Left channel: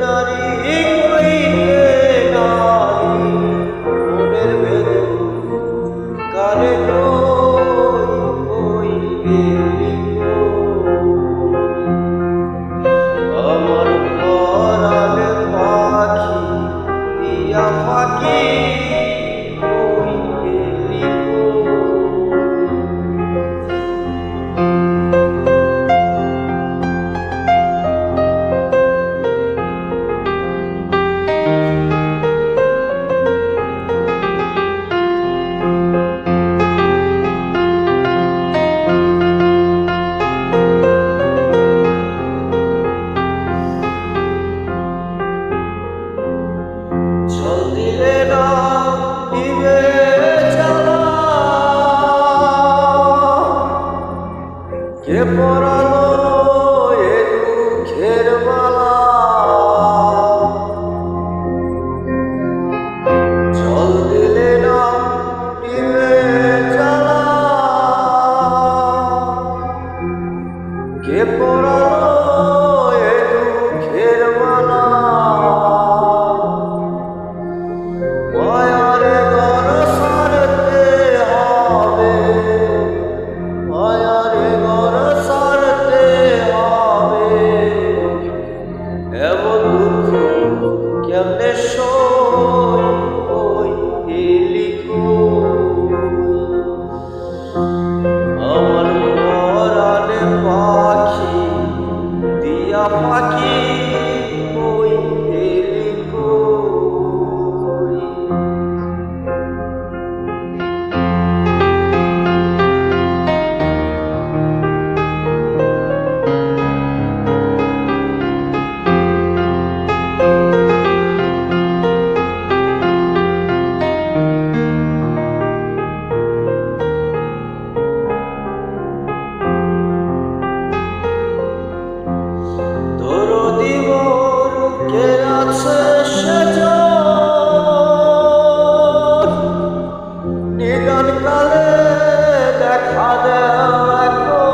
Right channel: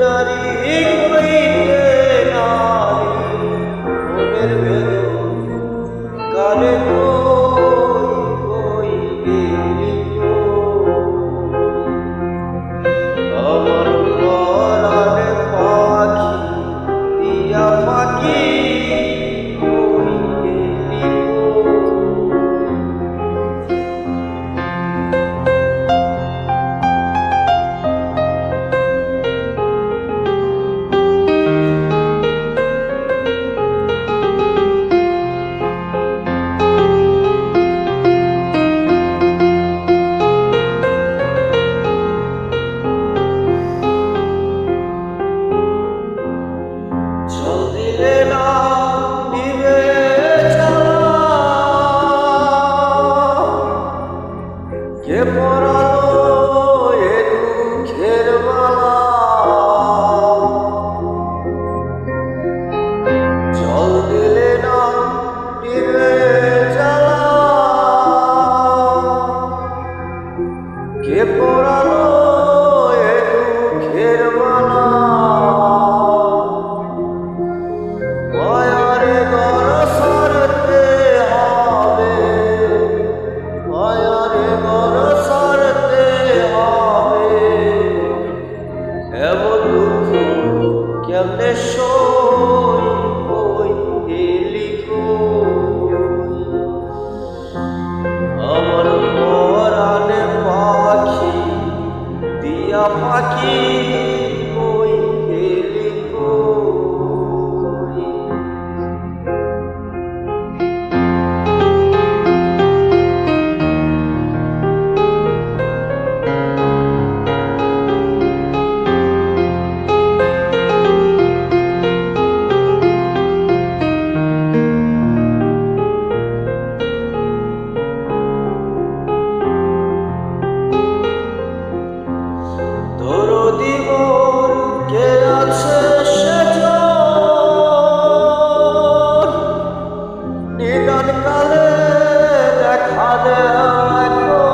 নারী কইতে নারী মনের ভেদ কারে কই কই গেলি আমার পরাণে পাখি দিয়া পাখি কই গেলি জল দিলে না নিবে জ্বালা কে পরালো এ দুঃখের মালা জল দিলে না নিবে জ্বালা কে পরালো এ দুঃখের মালা মায়ারে ঘর সারতে হবে মায়ারে ঘর সারতে হবে এমন দুঃখ কেমনে সই কই গেলি আমার পরাণে পাখি দিয়া পাখি কই গেলি দরদি মোর কে আছে সেজন নিদান কালে দেখা দেখো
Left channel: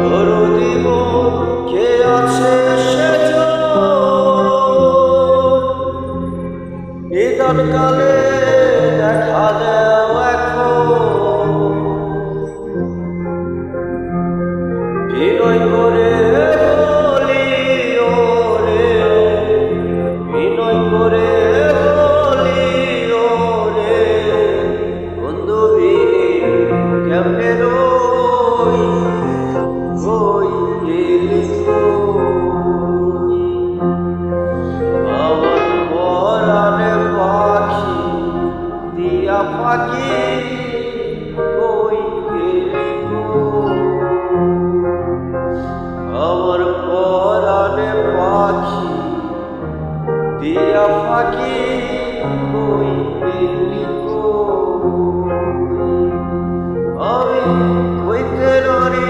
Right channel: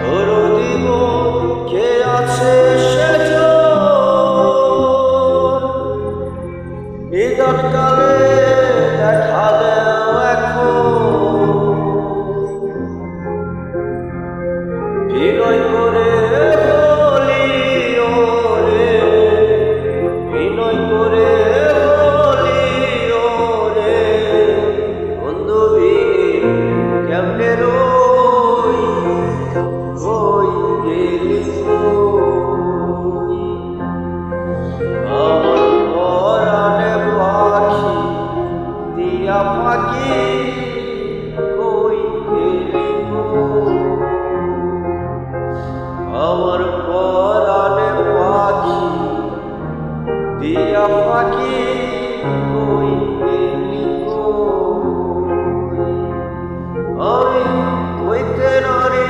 দরদি মোর কে আছে সেজন নিদান কালে দেখা দেখো বিনয় করে বলি ওরে বিনয় করে বলি ওরে বন্ধু বিনে কেমনে রই কই গেলি আমার পরাণে পাখি দিয়া পাখি কই গেলি আমার পরাণে পাখি দিয়া পাখি কই গেলি আমি কইতে নারী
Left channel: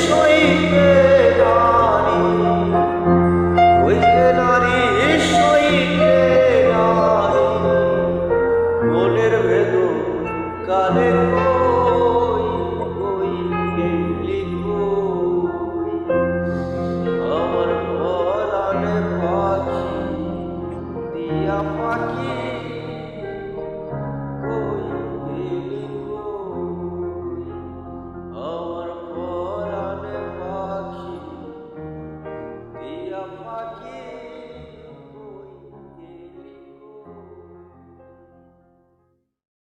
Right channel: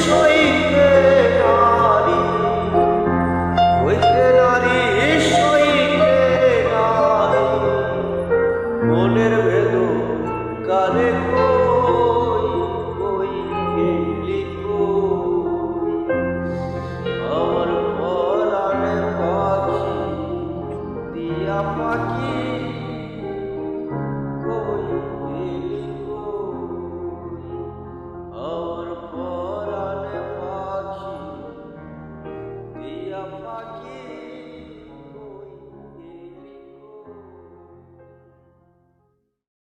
সইতে নারী কইতে নারী সইতে নারী মনের ভেদ কালে কই কই গেলি আমার পরাণে পাখি দিয়া পাখি